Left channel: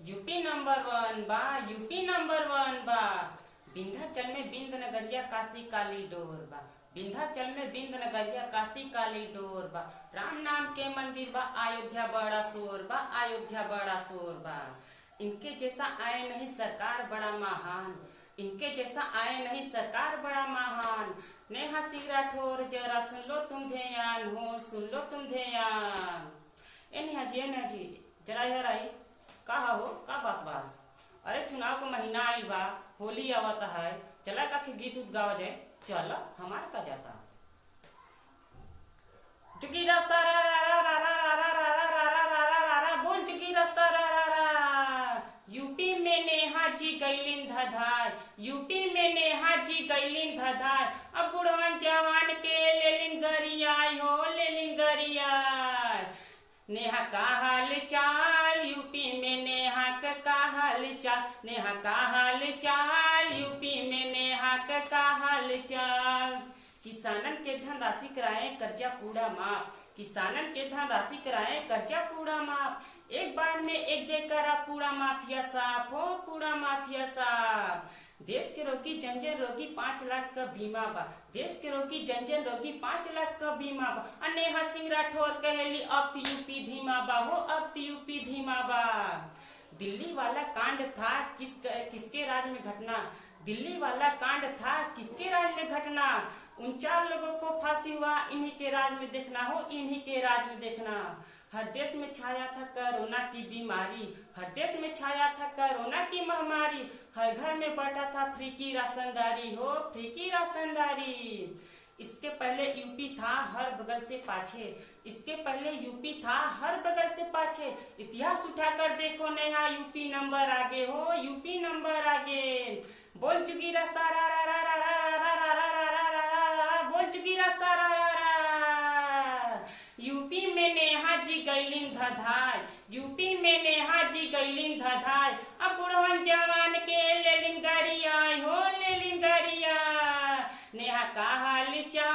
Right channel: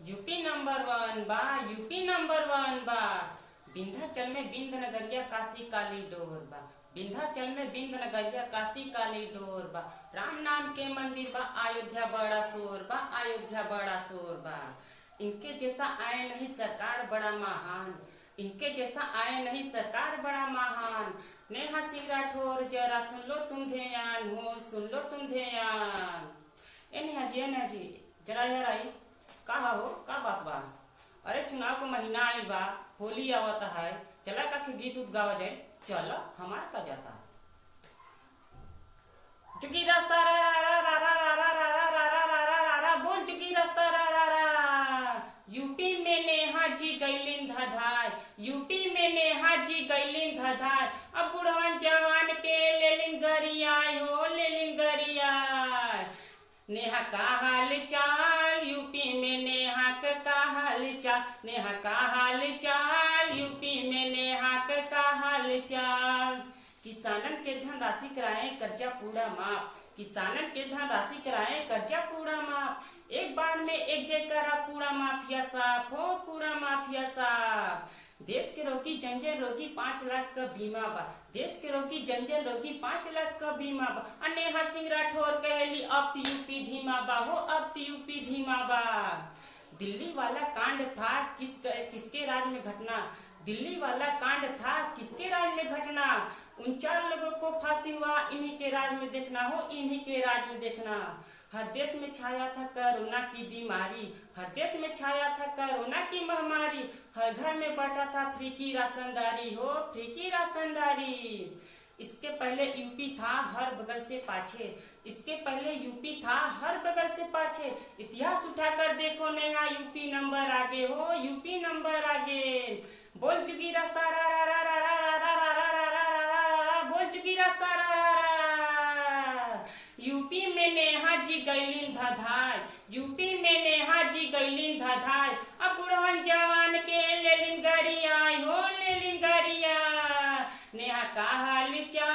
UP number वन बा, UP number वन बा। विंध्याचल में बिंद नगरिया काशी काली डोर बा, विंध्याचल में बिंद नगरिया काशी काली डोर बा। राम नाम के मंदिर बा, अयोध्या बड़ा शोर बा, अयोध्या बड़ा शोर बा। इनके जैसा आए नहीं सरकार बड़ा महान, इनके जैसा आए नहीं सरकार बड़ा महान। नेहा सिंह राठौर जरा सुन लो तुम ध्यान हो, सुन लो तुम ध्यान। ए नेहा जी जरा यार आई कहा हो का बात बा? अरे चुनाव का महीना आयल बा, होली आवत है, चला का के गीत उत गावा जाए। चलो हमार का जाता जुगीरा सारा रा रा रा रा रा रा रा रा रा रा रा रा बोल जुगीरा सारा रा रा। यूपी में नेहा जी गैलिन धधाय, यूपी में नेहा जी गैलिन धधाय। अब बुढ़वन जवान के लेलिन गरियाय हो, लेलिन गरियाय। नेहा का हाल चाल यूपी में, नेहा का हाल चाल, नेहा का हाल चाल यूपी में, नेहा का हाल चाल। किसानन के धनराशि कराए कर्जा पूरा माफ, किसानन के धनराशि कराए कर्जा पूरा माफ। एक बार में एक जयकारा पूरा माफिया साफ हो, पूरा माफिया साफ। देश के रोगी जंजर रोगी 5 लाख का बीमा बा, देश के रोगी जंजर रोगी 5 लाख का बीमा बा। नेहा सिंह राठौर कहली अब तो यूपी धीमा बा हो, अब तो यूपी धीमा बा। दिल्ली वाला कांड था किसके राज में घटना, दिल्ली वाला कांड था किसके राज में घटना। 49 लोगों को फांसी हुआ, इन्हीं के राज में देखना हो, इन्हीं के राज में देखना। हर देश में छाया था कोरोना की बीमारी, हर देश में छाया था कोरोना की महामारी। हर घर में बांटा था फ्री की राशनदारी हो, फ्री की राशनदारी। इसके पहले यूपी था हर बगल से पाछे, इसके पहले यूपी था हर बगल से पाछे। इतिहास उठाकर देखो नेहा यूपी नंबर आगे हो, यूपी नंबर आगे। बोल जुगीरा सारा रा रा रा रा रा रा रा रा रा रा रा, बोल जुगीरा सारा रा रा। यूपी में नेहा जी गैलिन धधाय, यूपी में नेहा जी गैलिन धधाय। अब बुढ़वन जवान के लेलिन गरियाय हो, लेलिन गरिया। नेहा का हाल चाल